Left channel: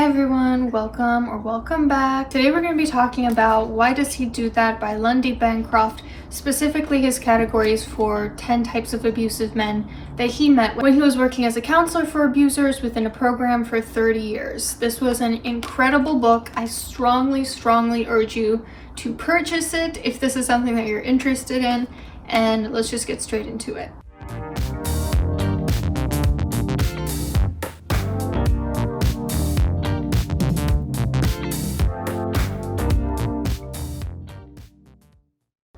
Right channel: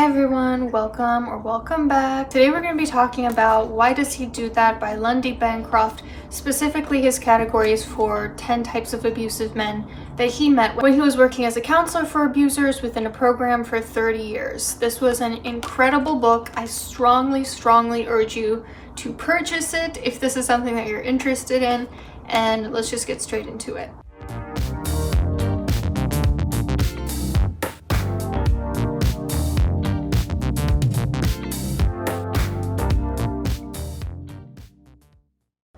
Hi everyone, welcome back. Today we're going to be talking about Why Does He Do That by Lundy Bancroft, specifically his categories for 10 types of abusive men that he met when he was working as a counselor for abusers within a program for 30 years. This was an incredible book. I strongly urge you to purchase it if this is something that you're interested in, and let's just get straight into it.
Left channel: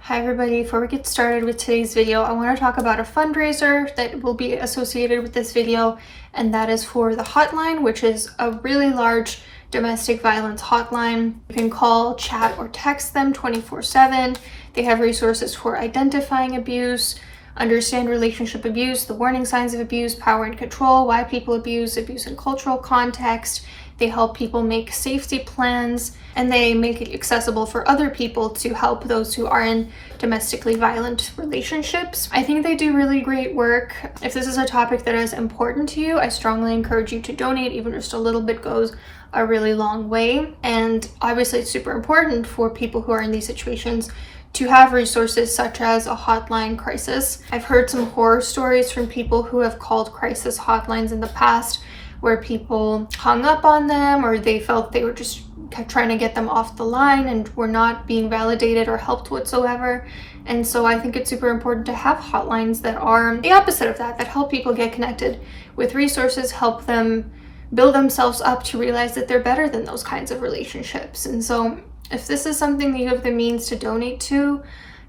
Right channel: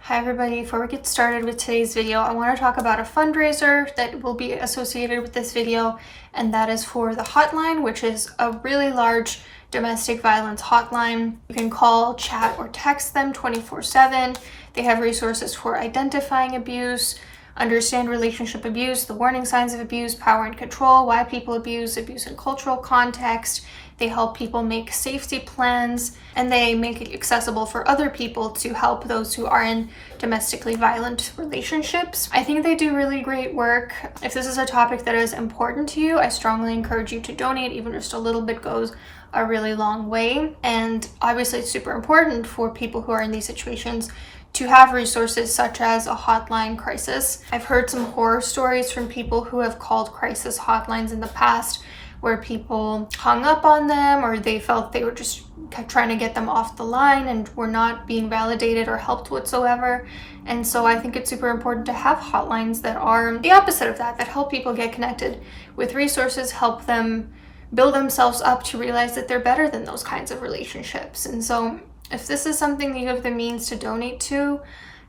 Hi everybody, before we get started with today's video, I want to talk about a fundraiser that will be associated with this video, and that is for the hotline, which is a really large domestic violence hotline. You can call, chat, or text them 24/7. They have resources for identifying abuse, understand relationship abuse, the warning signs of abuse, power and control, why people abuse in cultural context. They help people make safety plans, and they make it accessible for other people to help those who are in domestically violent relationships. I think they do really great work. If this is a topic that is important to you, I strongly encourage you to donate. Even just a little bit goes a really long way. And obviously it's super important for people who are in these situations to have resources such as a hotline crisis. I've heard some horror stories from people who have called crisis hotlines in the past where people hung up on them, or they felt they were just trying to get them off the line and were not being validated or helped whatsoever. And so I think it's super important to have hotlines that are the opposite of that help people get connected with resources, help them build themselves up to realize that they're better than those kinds of relationships. And so if this is something that you have the means to donate to,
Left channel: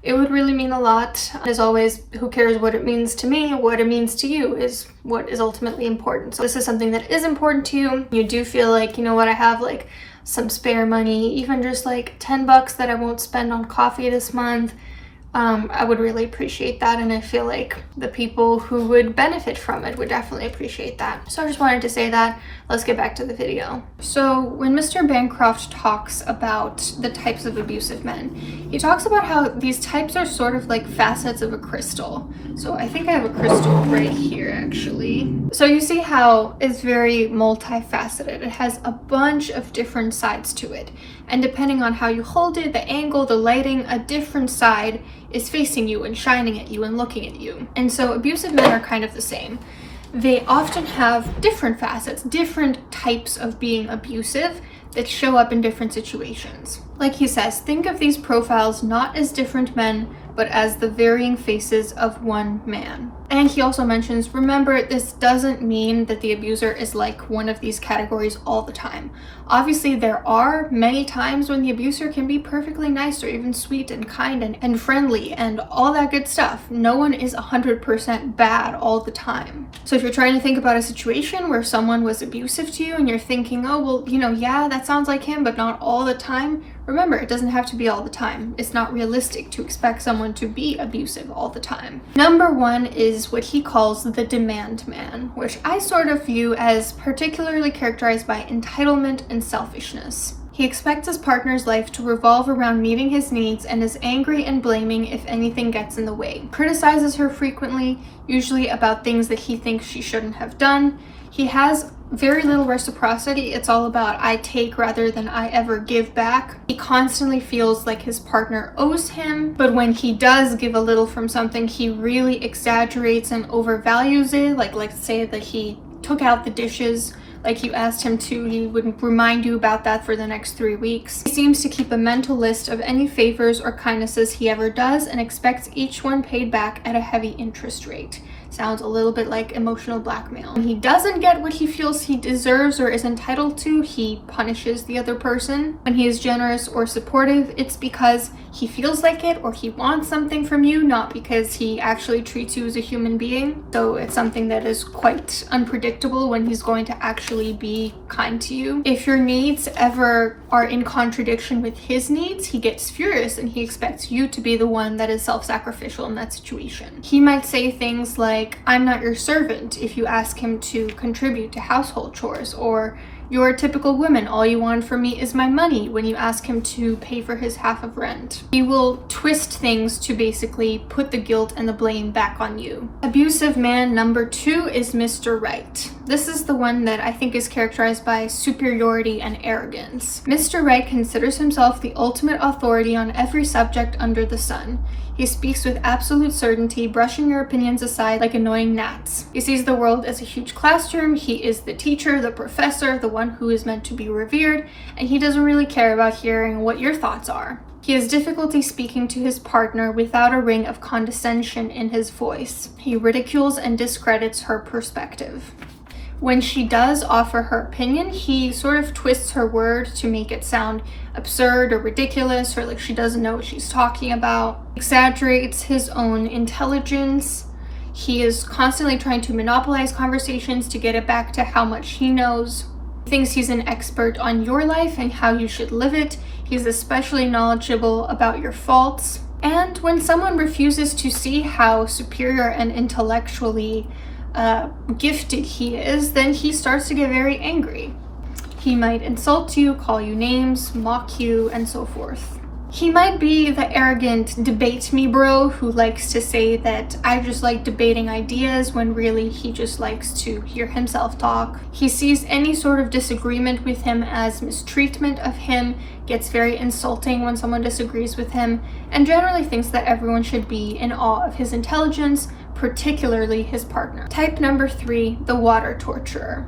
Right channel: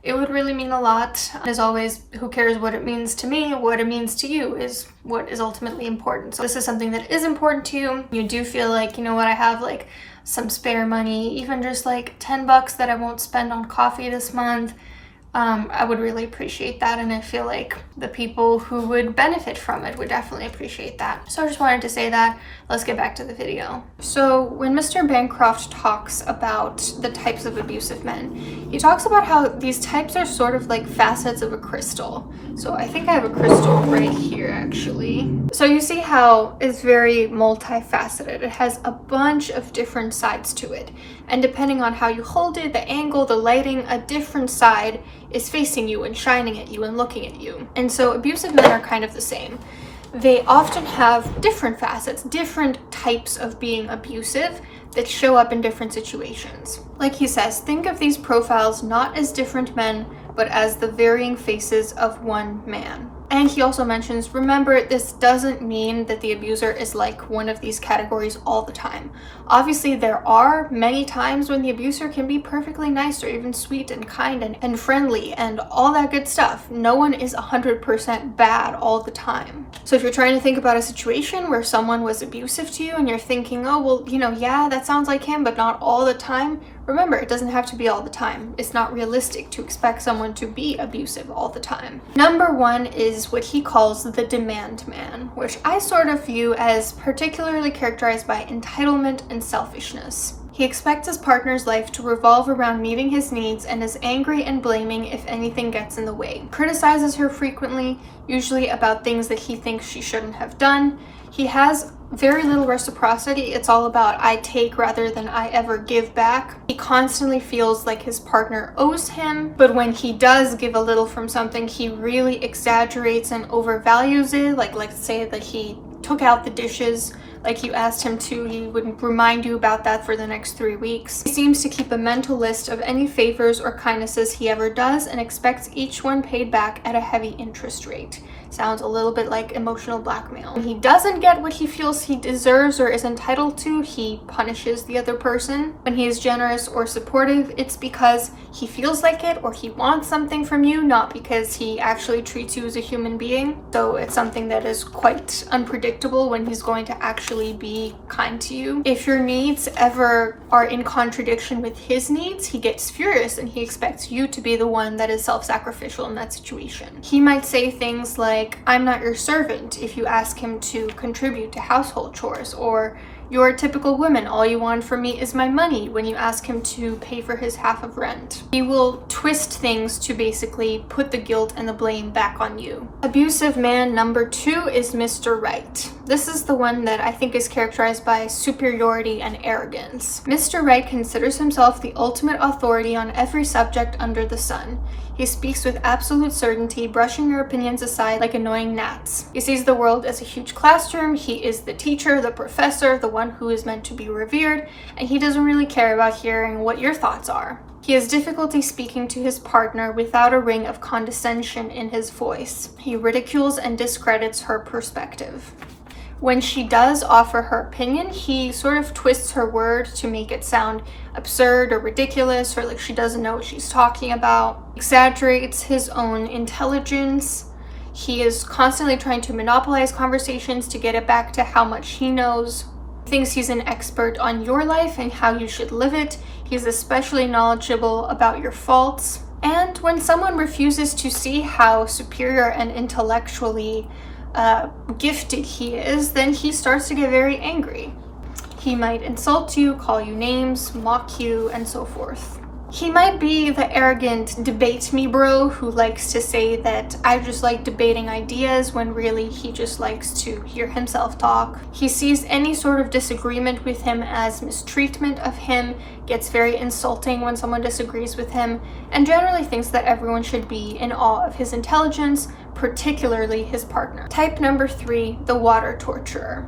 it would really mean a lot. As always, who cares what it means to me? What it means to you is what is ultimately important. So this is something that is important to you. You do feel like, you know what, I have like some spare money, even just like $10 that I won't spend on coffee this month. I would really appreciate that, and I feel like the people who would benefit from it would definitely appreciate that. So I just wanted to say that. Let's get back to the video. So when Mr. Bancroft talks about the types of abusive men, he talks about how these types are sort of like facets of a crystal. So I think I have a crystal right here actually. So you see how it's very multifaceted. It has a bunch of different sides to it, and depending on how you hold it, the angle, the lighting, a different side is facing you and shining at you and looking at you. And so abusive men are kind of the same. They often have different facets, different types of being abusive that show up in different situations. Like he says, think of these profiles not as different men, but as the varying faces of one man. And he also mentions, remember, this doesn't mean that the abuser is like one of these categories all the time. Obviously, there are many times when the abuser can be perfectly nice or even sweet and kind and friendly and all that good stuff. No one is 100% bad all the time. So if you're trying to think about a situation where someone was abusive to you and you're thinking, oh, well, you know, yeah, that sounds like him, but not all the time. Remember, it doesn't have to be all the time. It's not realistic to expect someone to be abusive all the time. Number one is what he calls the demand man, which I sort of view as particularly characterized by entitlement and selfishness. He expects his partner's life to revolve around meeting his needs and is angry and blaming if anything gets in the way. Criticizes her frequently, usually about things that he thinks she shouldn't have done. He has very little reciprocity. It's all about I take rather than I ever give back. He constantly feels like his partner owes him, but when he does give a little from something, he really exaggerates and overvalues it. Like, let's say that he took out the dishes like you asked him to, he wouldn't remind you about that for the next 3 weeks. He seems to keep a mental list of any favors or kindnesses he ever does and expects each one paid back at a heavy interest rate. Sounds a little bit like emotional blackmail. When he doesn't get what he feels he deserves or is entitled to, he punishes the other person. When he is generous or supportive, it's because he feels like it or he wants something from you, not because he actually treats you as a human being. So it's something that is quite unpredictable when he's going to actually be kind to you. If your needs ever are in contradiction with his needs, he gets furious and he expects you to be the one that is self-sacrificial in that situation. He might say things like, I'm not your servant, if you ask him to contribute to household chores, or You're a typical woman. All you want from me is my money when you ask him to pay for his half of rent. He will twist things to basically put the guilt and the blame back on you. Abusive man number 2 is Mr. Right. This is the one that I think is characterized by superiority and arrogance. Mr. Right considers himself the ultimate authority on every subject under the sun. He speaks with absolute certainty, brushing your opinions aside like annoying gnats. He sees the world as a huge classroom. He is the teacher, the professor, the one who is meant to be revered, and he doesn't really care about hearing what your thoughts are. He has difficulty speaking to his partner without a ring of condescension in his voice. He ridicules and discredits her perspective. When she does offer her opinion, he sort of twists her words to make it sound absurd or ridiculous, or like she doesn't know what she's talking about. Exaggerates his own intelligence. He is constantly trying to monopolize conversations to get it back to how much he knows. He thinks he's an expert on your life and how you should live it. He's especially knowledgeable about your faults. And when someone refuses to see how superior and intellectually gifted he is, then he starts to get very angry. He might insult you, call you names, mock you, and so forth. He might be the arrogant debate me bro who likes to say that I just like debating ideas when really he just likes to hear himself talk. He sees any sort of disagreement with him as mistreatment of him, gets very insulting when someone disagrees with him, and generally thinks that everyone should be in awe of his intelligence, particularly his partner. Type number 3, the water torturer.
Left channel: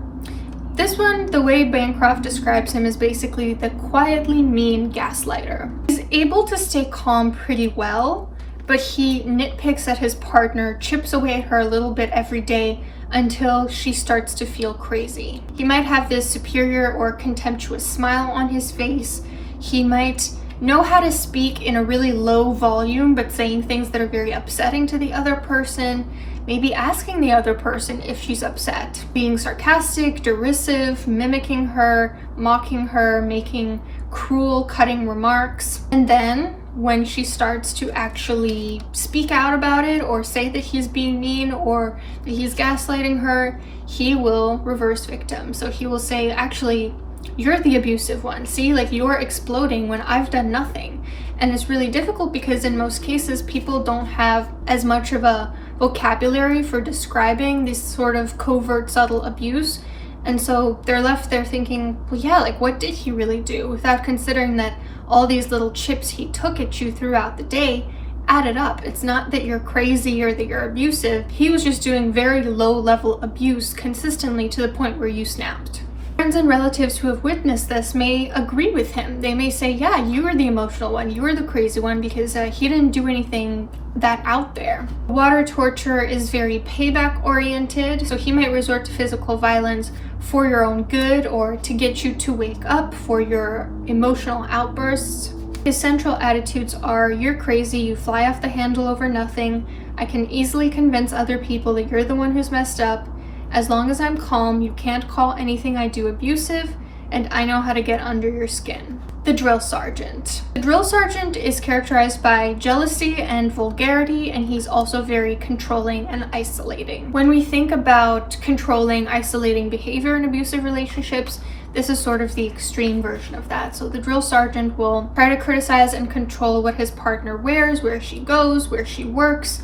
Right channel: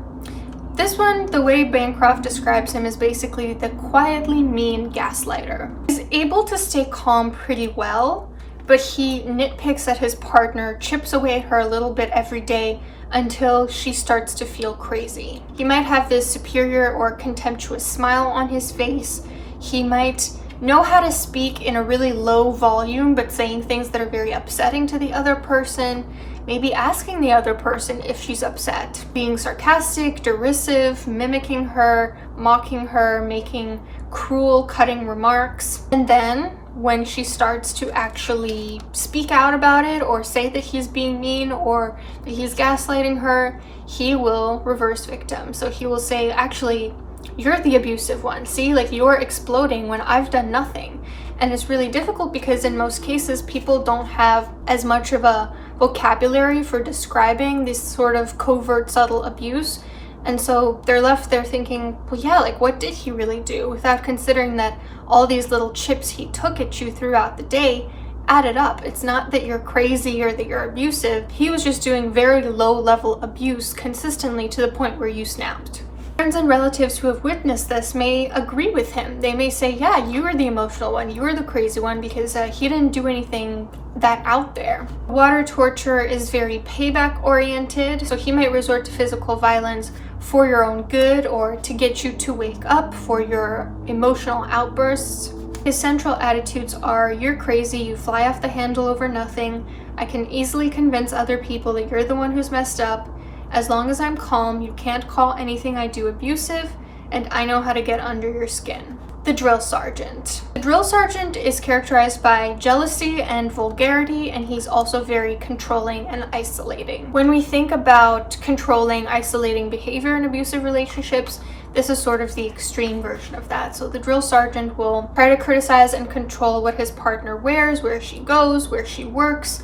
This one, the way Bancroft describes him, is basically the quietly mean gaslighter. He's able to stay calm pretty well, but he nitpicks at his partner, chips away at her a little bit every day until she starts to feel crazy. He might have this superior or contemptuous smile on his face. He might know how to speak in a really low volume, but saying things that are very upsetting to the other person. Maybe asking the other person if she's upset, being sarcastic, derisive, mimicking her, mocking her, making cruel, cutting remarks. And then when she starts to actually speak out about it or say that he's being mean or that he's gaslighting her, he will reverse victim. So he will say, actually, you're the abusive one. See, like you're exploding when I've done nothing. And it's really difficult because in most cases, people don't have as much of a vocabulary for describing this sort of covert, subtle abuse. And so they're left there thinking, well, yeah, like what did he really do? Without considering that all these little chips he took at you throughout the day added up. It's not that you're crazy or that you're abusive. He was just doing very low level abuse consistently to the point where you snapped. Friends and relatives who have witnessed this may agree with him. They may say, yeah, you were the emotional one, you were the crazy one because he didn't do anything that out there. Water torture is very payback oriented, so he might resort to physical violence for your own good or to get you to wake up for your emotional outbursts. His central attitudes are, you're crazy, you fly off the handle over nothing, I can easily convince other people that you're the one who's messed up. As long as I'm calm, you can't call anything I do abusive, and I know how to get under your skin. The drill sergeant. The drill sergeant is characterized by jealousy and vulgarity, and he's also very controlling and isolating. When we think about controlling, isolating behavior in abusive relationships, this is sort of the extreme version of that. So the drill sergeant will try to criticize and control what his partner wears, where she goes, where she works,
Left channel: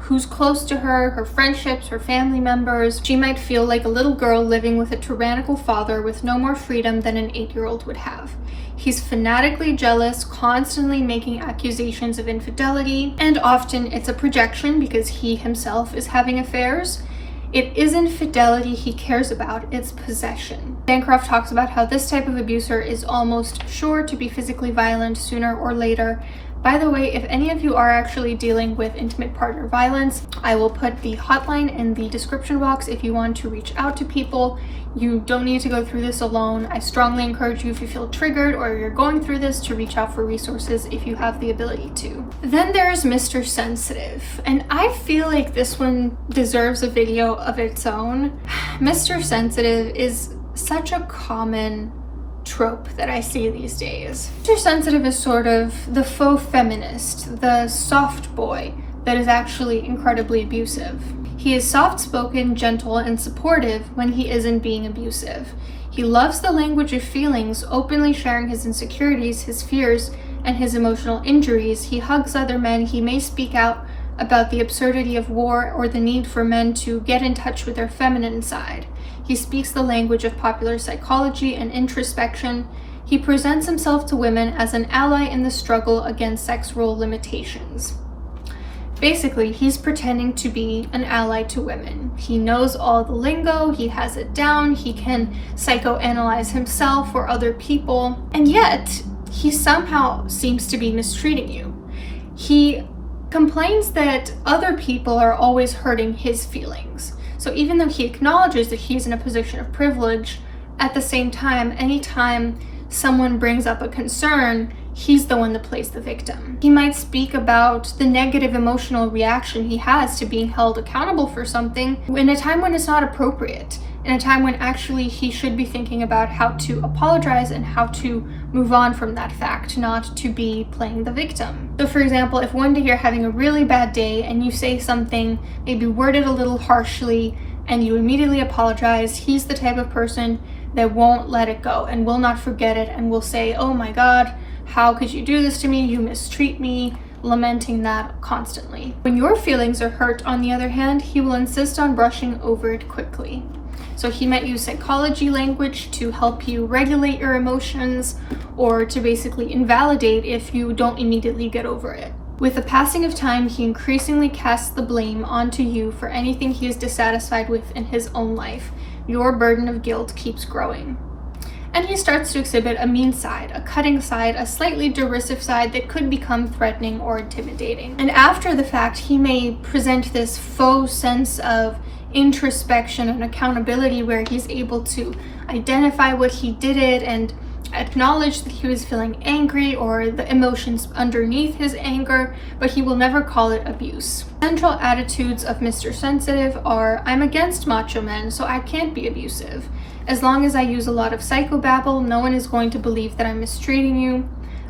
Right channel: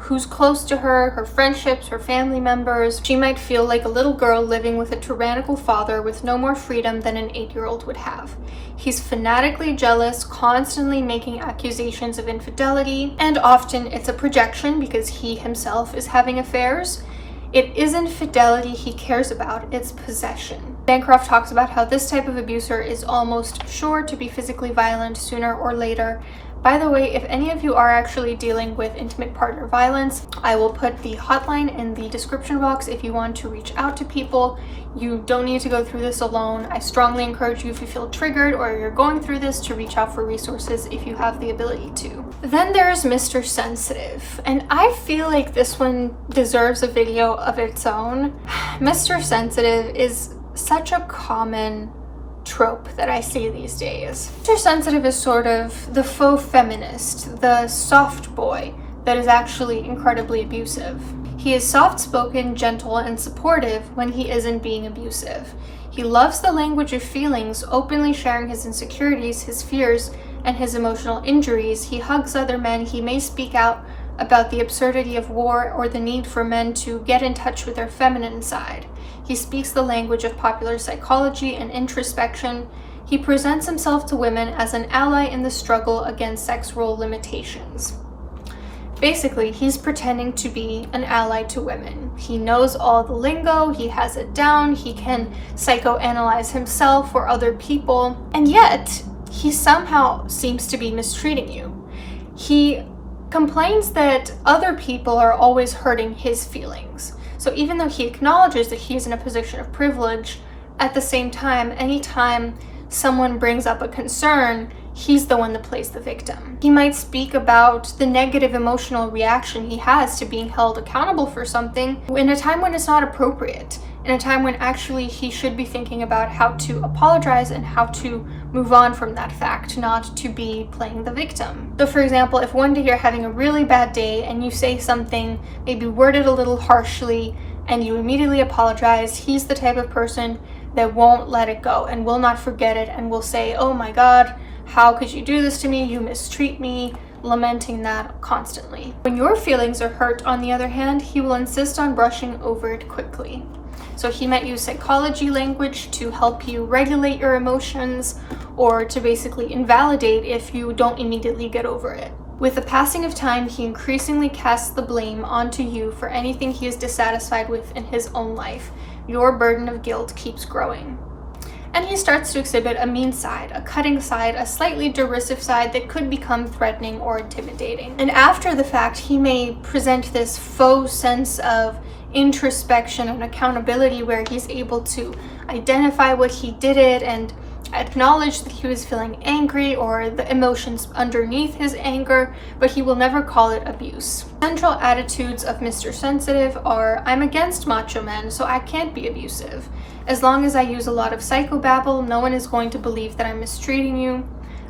who's close to her, her friendships, her family members. She might feel like a little girl living with a tyrannical father with no more freedom than an 8-year-old would have. He's fanatically jealous, constantly making accusations of infidelity, and often it's a projection because he himself is having affairs. It isn't fidelity he cares about, it's possession. Bancroft talks about how this type of abuser is almost sure to be physically violent sooner or later. By the way, if any of you are actually dealing with intimate partner violence, I will put the hotline in the description box if you want to reach out to people. You don't need to go through this alone. I strongly encourage you, if you feel triggered or you're going through this, to reach out for resources if you have the ability to. Then there's Mr. Sensitive, and I feel like this one deserves a video of its own. Mr. Sensitive is such a common trope that I see these days. Mr. Sensitive is sort of the faux feminist, the soft boy that is actually incredibly abusive. He is soft-spoken, gentle, and supportive when he isn't being abusive. He loves the language of feelings, openly sharing his insecurities, his fears, and his emotional injuries. He hugs other men. He may speak out about the absurdity of war or the need for men to get in touch with their feminine side. He speaks the language of popular psychology and introspection. He presents himself to women as an ally in the struggle against sex role limitations. Basically, he's pretending to be an ally to women. He knows all the lingo, he has it down, he can psychoanalyze himself or other people, and yet he somehow seems to be mistreating you. He complains that other people are always hurting his feelings. So even though he acknowledges that he's in a position of privilege, at the same time, anytime someone brings up a concern, he's the one that plays the victim. He might speak about the negative emotional reaction he has to being held accountable for something in a time when it's not appropriate, in a time when actually he should be thinking about how to apologize and how to move on from that fact, not to be playing the victim. So for example, if one day you're having a really bad day and you say something maybe worded a little harshly and you immediately apologize, he's the type of person that won't let it go and will not forget it and will say, "Oh my God, how could you do this to me? You mistreat me," lamenting that constantly. When your feelings are hurt, on the other hand, he will insist on brushing over it quickly. So he might use psychology language to help you regulate your emotions or to basically invalidate if you don't immediately get over it. With the passing of time, he increasingly casts the blame onto you for anything he is dissatisfied with in his own life. Your burden of guilt keeps growing. And he starts to exhibit a mean side, a cutting side, a slightly derisive side that could become threatening or intimidating. And after the fact, he may present this faux sense of introspection and accountability where he's able to identify what he did and acknowledge that he was feeling angry or the emotions underneath his anger, but he will never call it abuse. Central attitudes of Mr. Sensitive are, "I'm against macho men, so I can't be abusive. As long as I use a lot of psychobabble, no one is going to believe that I'm mistreating you.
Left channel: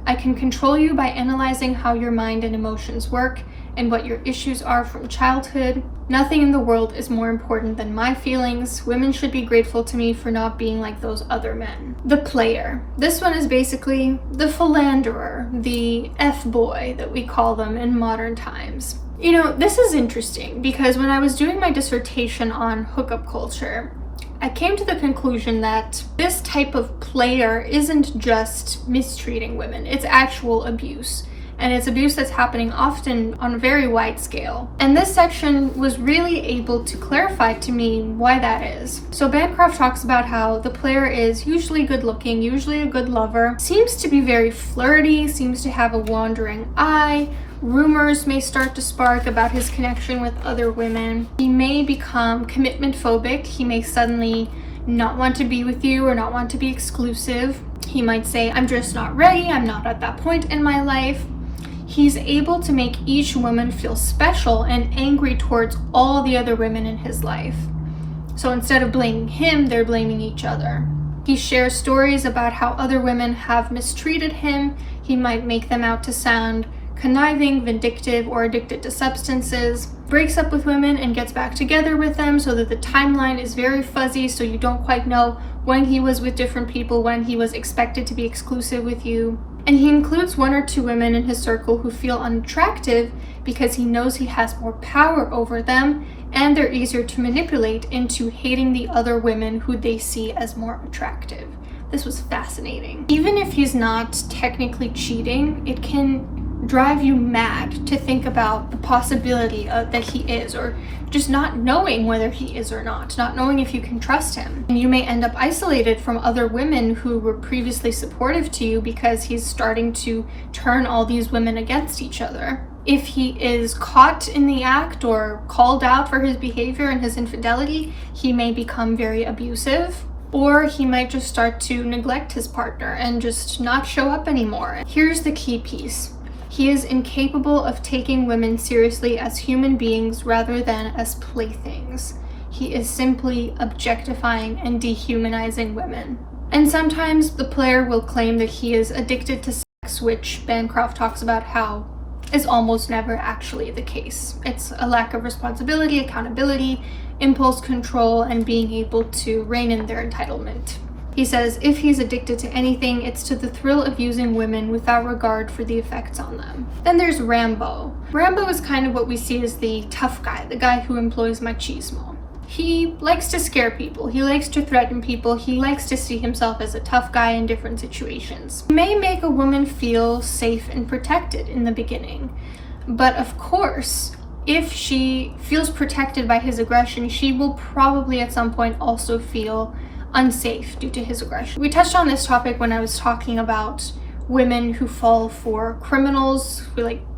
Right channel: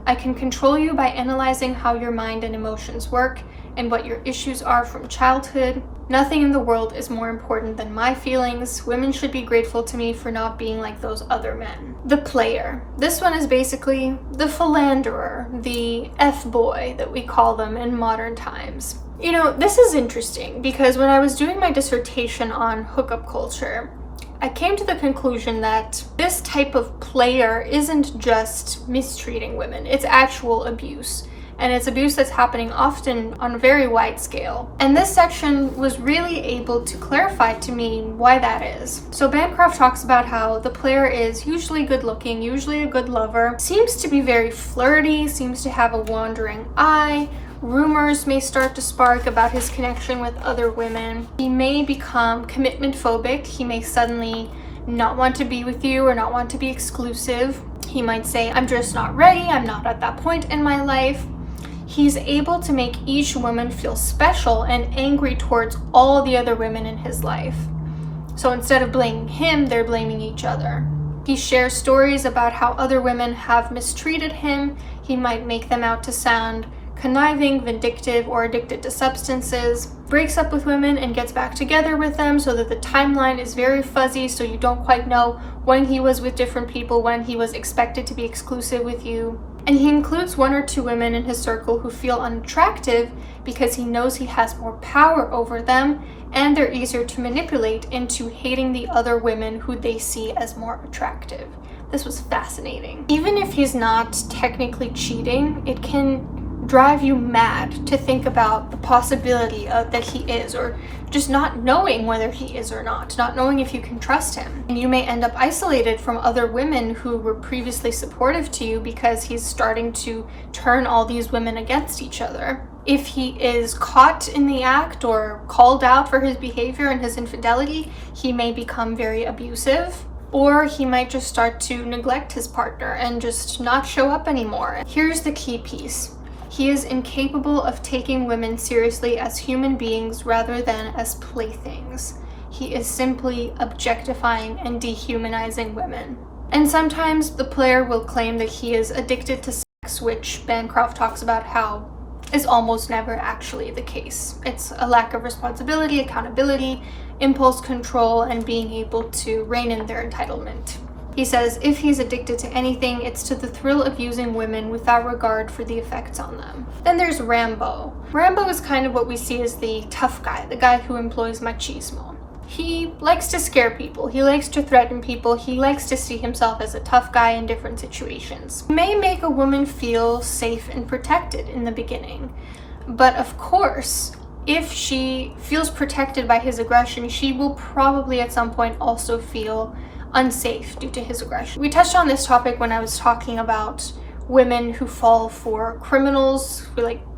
I can control you by analyzing how your mind and emotions work and what your issues are from childhood. Nothing in the world is more important than my feelings. Women should be grateful to me for not being like those other men." The player. This one is basically the philanderer, the F-boy that we call them in modern times. You know, this is interesting because when I was doing my dissertation on hookup culture, I came to the conclusion that this type of player isn't just mistreating women, it's actual abuse. And it's abuse that's happening often on a very wide scale. And this section was really able to clarify to me why that is. So Bancroft talks about how the player is usually good looking, usually a good lover, seems to be very flirty, seems to have a wandering eye. Rumors may start to spark about his connection with other women. He may become commitment phobic. He may suddenly not want to be with you or not want to be exclusive. He might say, "I'm just not ready, I'm not at that point in my life." He's able to make each woman feel special and angry towards all the other women in his life. So instead of blaming him, they're blaming each other. He shares stories about how other women have mistreated him. He might make them out to sound conniving, vindictive, or addicted to substances. Breaks up with women and gets back together with them so that the timeline is very fuzzy, so you don't quite know when he was with different people, when he was expected to be exclusive with you. And he includes one or two women in his circle who feel unattractive because he knows he has more power over them and they're easier to manipulate into hating the other women who they see as more attractive. This was fascinating. Even if he's not technically cheating, it can drive you mad to think about the possibility that he is, or just not knowing whether he is or not knowing if you can trust him. And you may end up isolated from other women who were previously supportive to you because he's starting to turn all these women against each other. If he is caught in the act or called out for his behavior and his infidelity, he may become very abusive. Or he might just start to neglect his partner and just not show up anymore. Here's the key piece. He is incapable of taking women seriously as human beings rather than as playthings. He is simply objectifying and dehumanizing women. And sometimes the player will claim that he is addicted to sex, which Bancroft talks about how is almost never actually the case. It's a lack of responsibility, accountability, impulse control, and being able to rein in their entitlement. He says if he's addicted to anything, it's to the thrill of using women without regard for the effects on them. Then there's Rambo. Rambo is kind of what we see as the tough guy, the guy who employs machismo. He likes to scare people, he likes to threaten people, he likes to see himself as a tough guy in different situations. He may make a woman feel safe and protected in the beginning, but of course, if she feels protected by his aggression, she will probably at some point also feel unsafe due to his aggression. We touched on this topic when I was talking about women who fall for criminals,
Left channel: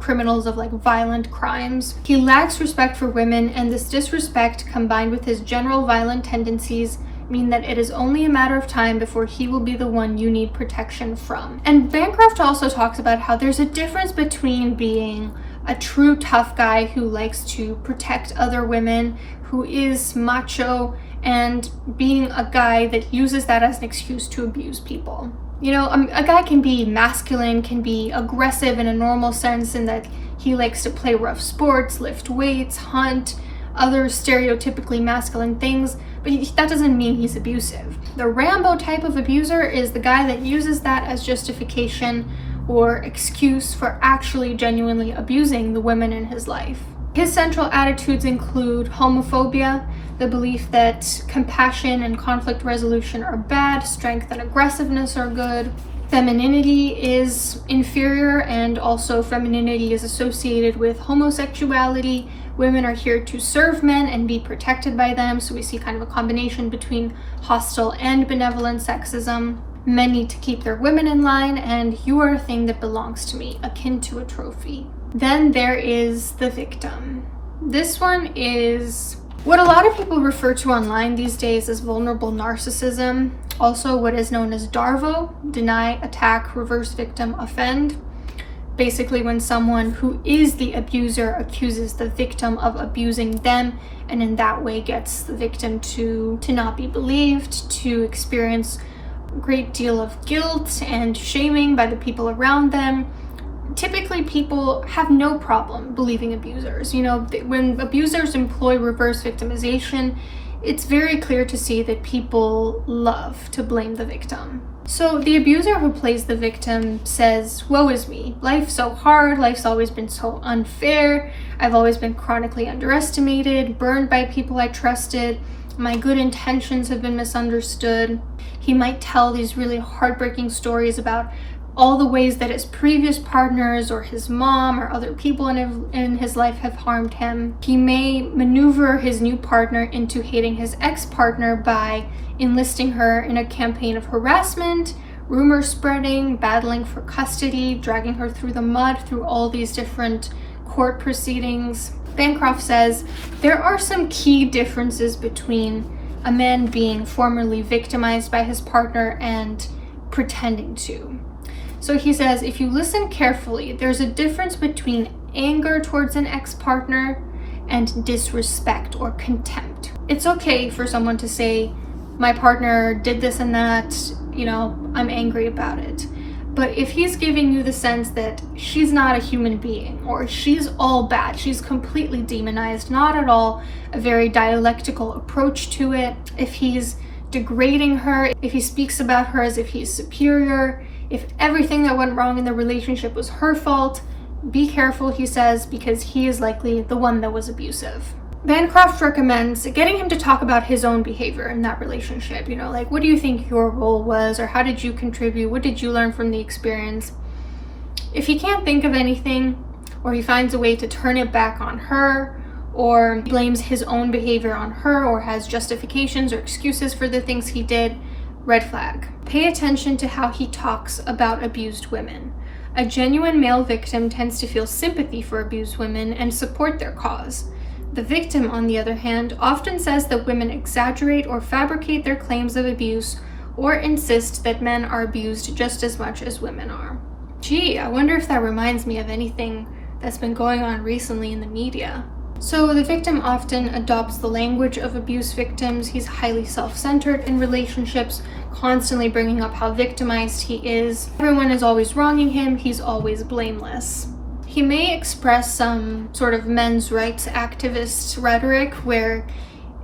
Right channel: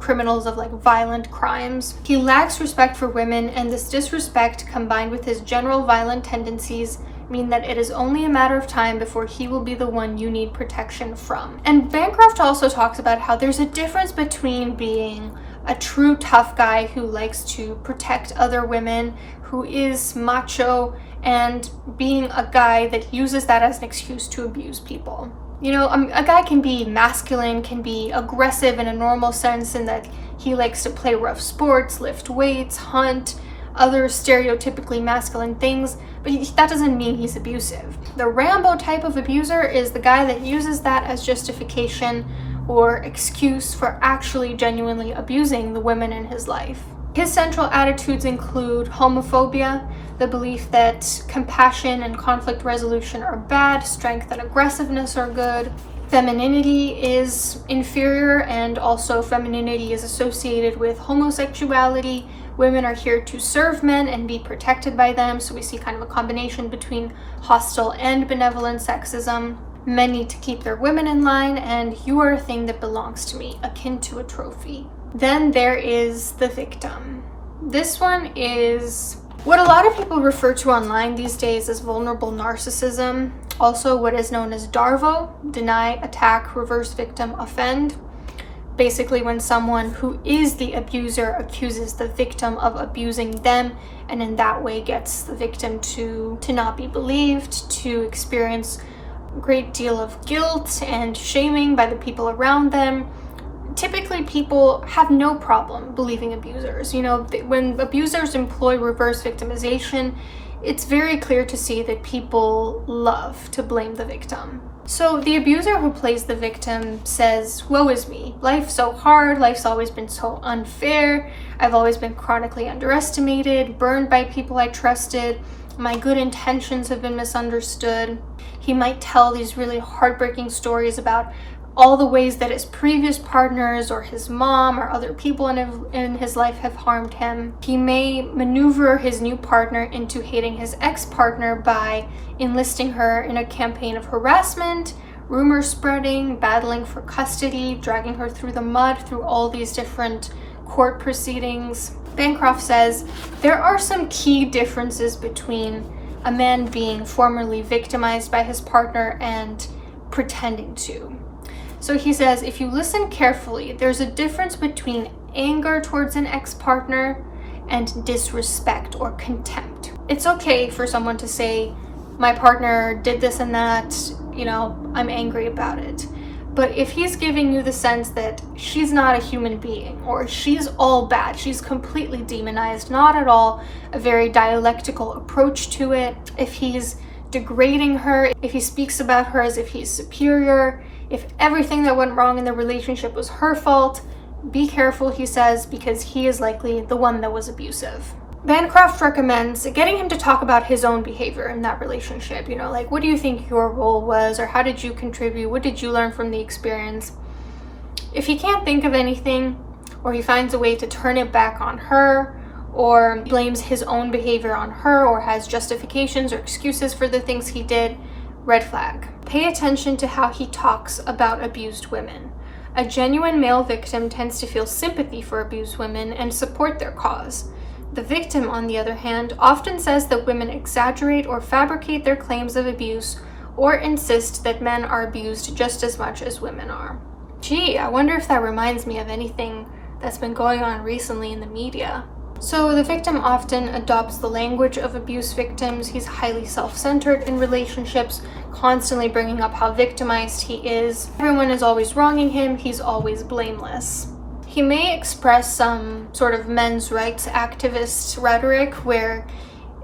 criminals of violent crimes. He lacks respect for women, and this disrespect combined with his general violent tendencies mean that it is only a matter of time before he will be the one you need protection from. And Bancroft also talks about how there's a difference between being a true tough guy who likes to protect other women, who is macho, and being a guy that uses that as an excuse to abuse people. You know, a guy can be masculine, can be aggressive in a normal sense in that he likes to play rough sports, lift weights, hunt, other stereotypically masculine things, but that doesn't mean he's abusive. The Rambo type of abuser is the guy that uses that as justification or excuse for actually genuinely abusing the women in his life. His central attitudes include homophobia, the belief that compassion and conflict resolution are bad, strength and aggressiveness are good. Femininity is inferior, and also femininity is associated with homosexuality. Women are here to serve men and be protected by them, so we see kind of a combination between hostile and benevolent sexism. Men need to keep their women in line, and you are a thing that belongs to me, akin to a trophy. Then there is the victim. This one is what a lot of people refer to online these days as vulnerable narcissism, also what is known as DARVO, deny, attack, reverse victim, offend. Basically when someone who is the abuser accuses the victim of abusing them, and in that way gets the victim to not be believed, to experience a great deal of guilt and shaming by the people around them. Typically people have no problem believing abusers. You know, when abusers employ reverse victimization, it's very clear to see that people love to blame the victim. So the abuser who plays the victim says, woe is me, life's so hard, life's always been so unfair, I've always been chronically underestimated, burned by people I trusted, my good intentions have been misunderstood. He might tell these really heartbreaking stories about all the ways that his previous partners or his mom or other people in his life have harmed him. He may maneuver his new partner into hating his ex-partner by enlisting her in a campaign of harassment, rumor spreading, battling for custody, dragging her through the mud through all these different court proceedings. Bancroft says there are some key differences between a man being formerly victimized by his partner and pretending to. So he says, if you listen carefully, there's a difference between anger towards an ex-partner and disrespect or contempt. It's okay for someone to say, my partner did this and that, you know, I'm angry about it. But if he's giving you the sense that she's not a human being, or she's all bad, she's completely demonized, not at all a very dialectical approach to it, if he's degrading her, if he speaks about her as if he's superior, if everything that went wrong in the relationship was her fault, be careful, he says, because he is likely the one that was abusive. Bancroft recommends getting him to talk about his own behavior in that relationship. You know, like, what do you think your role was, or how did you contribute? What did you learn from the experience? If he can't think of anything, or he finds a way to turn it back on her, or blames his own behavior on her, or has justifications or excuses for the things he did, red flag. Pay attention to how he talks about abused women. A genuine male victim tends to feel sympathy for abused women and support their cause. The victim, on the other hand, often says that women exaggerate or fabricate their claims of abuse, or insist that men are abused just as much as women are. Gee, I wonder if that reminds me of anything that's been going on recently in the media. So the victim often adopts the language of abuse victims. He's highly self-centered in relationships, constantly bringing up how victimized he is. Everyone is always wronging him. He's always blameless. He may express some sort of men's rights activist rhetoric where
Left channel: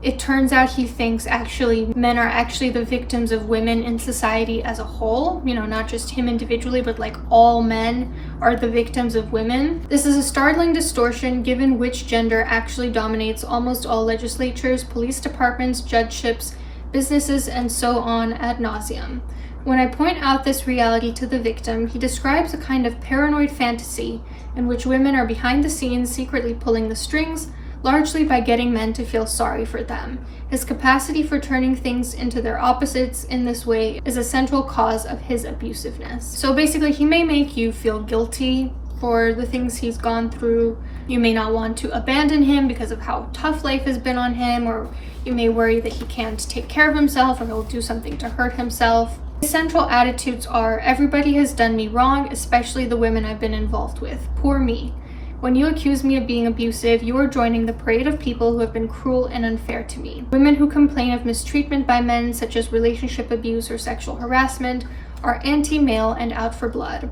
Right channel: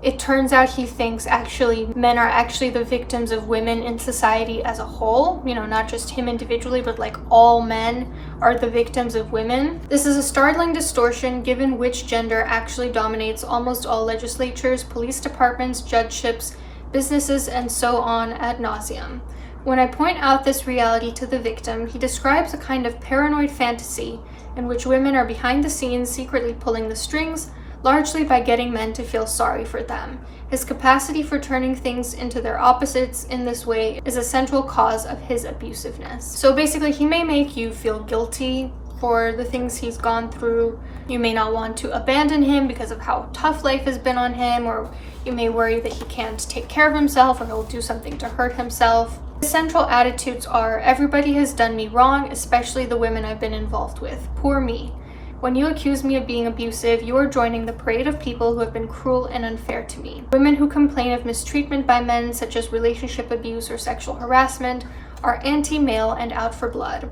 It turns out he thinks actually men are actually the victims of women in society as a whole, you know, not just him individually, but like all men are the victims of women. This is a startling distortion given which gender actually dominates almost all legislatures, police departments, judgeships, businesses, and so on ad nauseum. When I point out this reality to the victim, he describes a kind of paranoid fantasy in which women are behind the scenes secretly pulling the strings, largely by getting men to feel sorry for them. His capacity for turning things into their opposites in this way is a central cause of his abusiveness. So basically, he may make you feel guilty for the things he's gone through. You may not want to abandon him because of how tough life has been on him, or you may worry that he can't take care of himself or he'll do something to hurt himself. The central attitudes are, everybody has done me wrong, especially the women I've been involved with. Poor me. When you accuse me of being abusive, you are joining the parade of people who have been cruel and unfair to me. Women who complain of mistreatment by men, such as relationship abuse or sexual harassment, are anti-male and out for blood.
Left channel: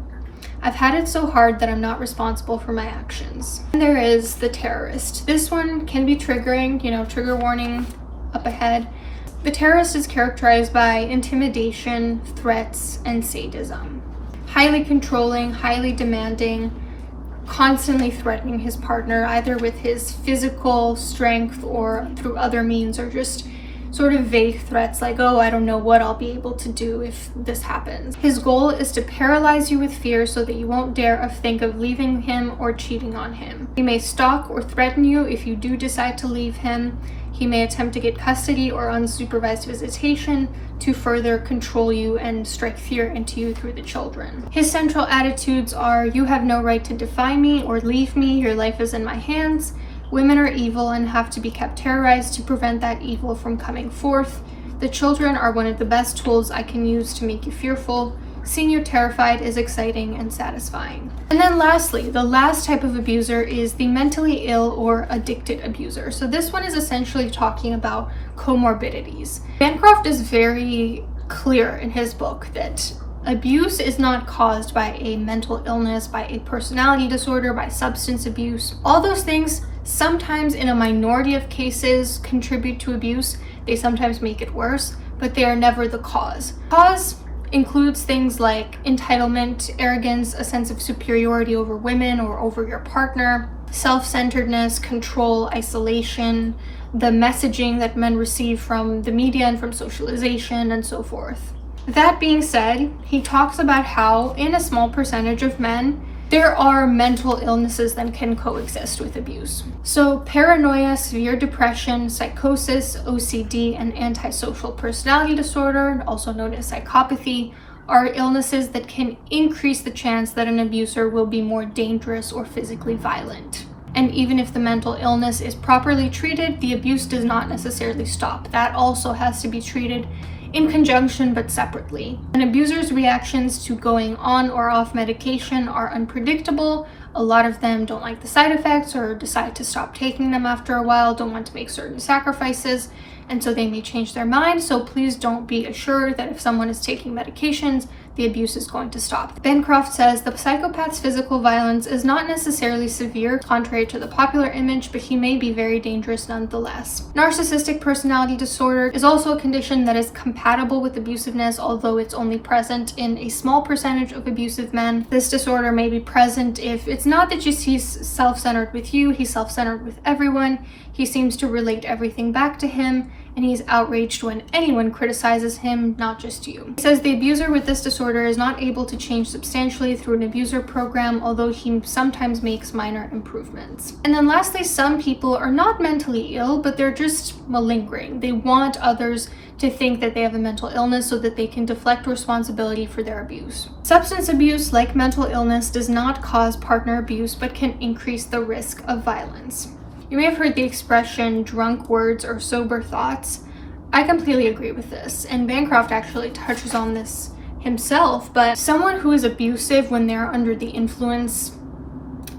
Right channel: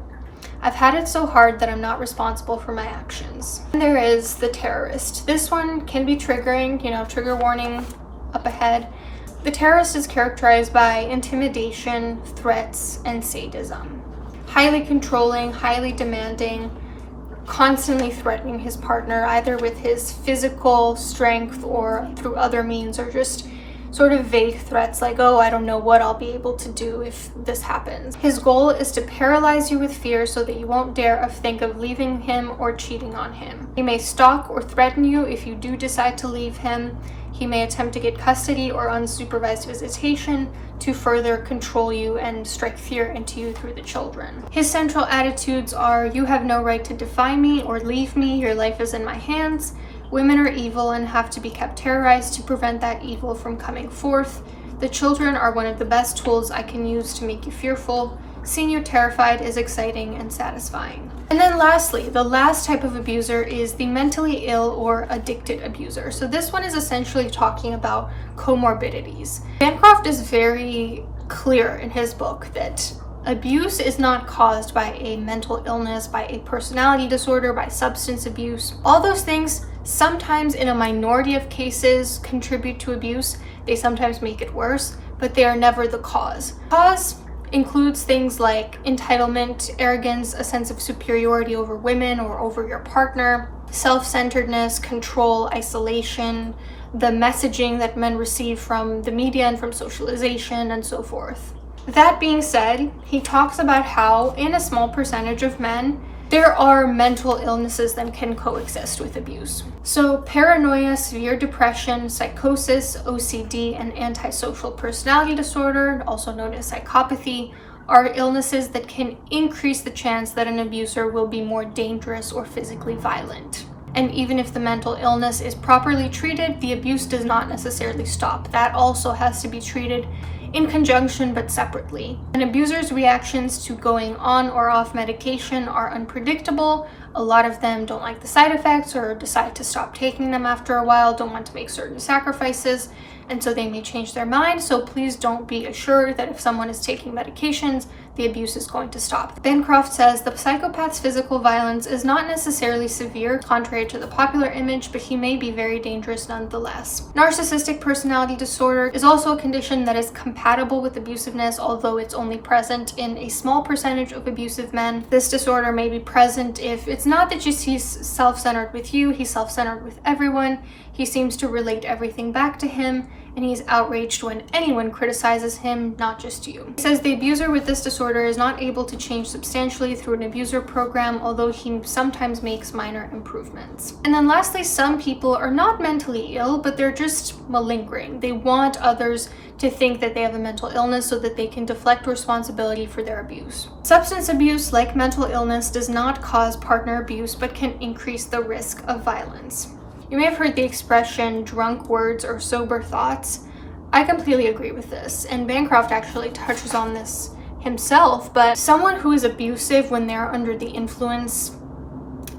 I've had it so hard that I'm not responsible for my actions. And there is the terrorist. This one can be triggering, you know, trigger warning up ahead. The terrorist is characterized by intimidation, threats, and sadism. Highly controlling, highly demanding, constantly threatening his partner, either with his physical strength or through other means, or just sort of vague threats like, oh, I don't know what I'll be able to do if this happens. His goal is to paralyze you with fear so that you won't dare think of leaving him or cheating on him. He may stalk or threaten you if you do decide to leave him. He may attempt to get custody or unsupervised visitation to further control you and strike fear into you through the children. His central attitudes are, you have no right to defy me or leave me, your life is in my hands. Women are evil and have to be kept terrorized to prevent that evil from coming forth. The children are one of the best tools I can use to make you fearful. Seeing you terrified is exciting and satisfying. And then lastly, the last type of abuser is the mentally ill or addicted abuser. So this one is essentially talking about comorbidities. Bancroft is very clear in his book that abuse is not caused by a mental illness, by a personality disorder, by substance abuse. All those things sometimes in a minority of cases contribute to abuse. They sometimes make it worse, but they are never the cause. Cause includes things like entitlement, arrogance, a sense of superiority over women or over your partner, self-centeredness, control, isolation, the messaging that men receive from the media and from socialization, and so forth. That being said, he talks about how in a small percentage of men, there are mental illnesses that can coexist with abuse. So paranoia, severe depression, psychosis, OCD, and antisocial personality disorder, also known as psychopathy, are illnesses that can increase the chance that an abuser will be more dangerous or physically violent. And even if the mental illness is properly treated, the abuse does not necessarily stop. That also has to be treated in conjunction but separately. An abuser's reactions to going on or off medication are unpredictable. A lot of them don't like the side effects or decide to stop taking them after a while, don't want to make certain sacrifices, and so they may change their mind. So please don't be assured that if someone is taking medications, the abuse is going to stop. Bancroft says the psychopath's physical violence is not necessarily severe, contrary to the popular image, but he may be very dangerous nonetheless. Narcissistic personality disorder is also a condition that is compatible with abusiveness, although it's only present in a small percentage of abusive men. This disorder may be present if it's not that just he's self-centered with you, he's self-centered with everyone. He seems to relate everything back to him, and he's outraged when anyone criticizes him, not just you. He says the abuser with this disorder is not able to change substantially through an abuser program, although he sometimes makes minor improvements. And then lastly, some people are not mentally ill, but they're just malingering. They want others to think that they have a mental illness so that they can deflect responsibility for their abuse. Substance abuse, like mental illness, does not cause partner abuse, but can increase the risk of violence. You may have heard the expression drunk words or sober thoughts. I completely agree with this, and Bancroft actually touches on this himself, but someone who is abusive when they're under the influence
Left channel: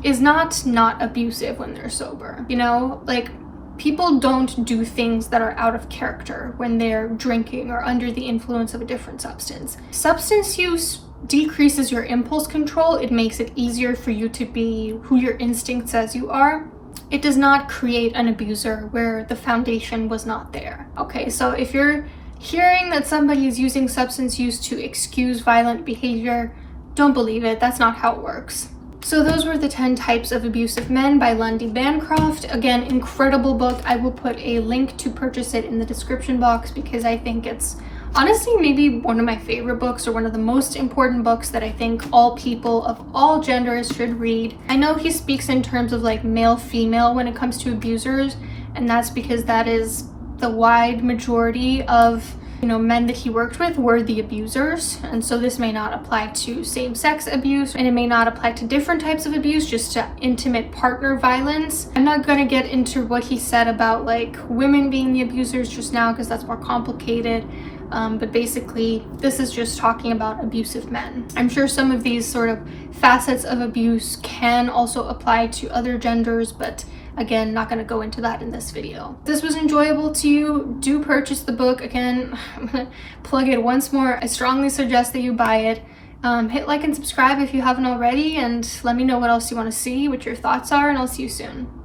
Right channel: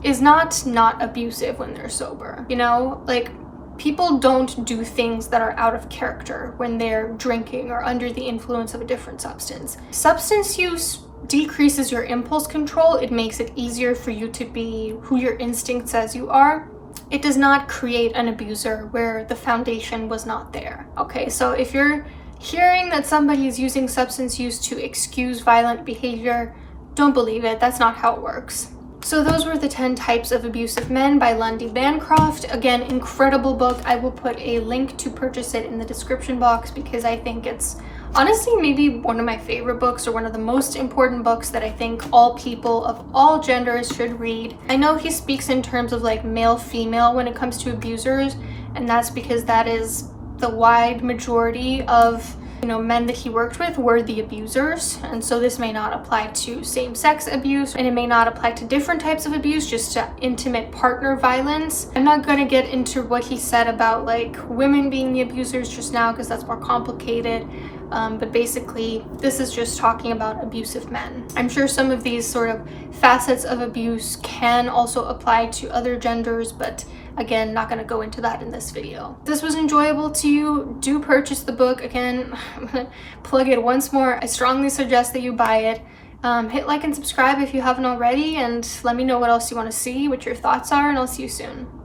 is not abusive when they're sober. You know, like, people don't do things that are out of character when they're drinking or under the influence of a different substance. Substance use decreases your impulse control. It makes it easier for you to be who your instinct says you are. it does not create an abuser where the foundation was not there. Okay, so if you're hearing that somebody is using substance use to excuse violent behavior, don't believe it. That's not how it works. So those were the 10 Types of Abusive Men by Lundy Bancroft. Again, incredible book. I will put a link to purchase it in the description box because I think it's honestly maybe one of my favorite books, or one of the most important books that I think all people of all genders should read. I know he speaks in terms of like male female when it comes to abusers, and that's because that is the wide majority of men that he worked with were the abusers. And so this may not apply to same-sex abuse, and it may not apply to different types of abuse, just to intimate partner violence. I'm not going to get into what he said about like women being the abusers just now because that's more complicated. But basically this is just talking about abusive men. I'm sure some of these sort of facets of abuse can also apply to other genders, but again, not going to go into that in this video. If this was enjoyable to you, do purchase the book. Again, I'm going to plug it once more. I strongly suggest that you buy it. Hit like and subscribe if you haven't already, and let me know what else you want to see, what your thoughts are, and I'll see you soon.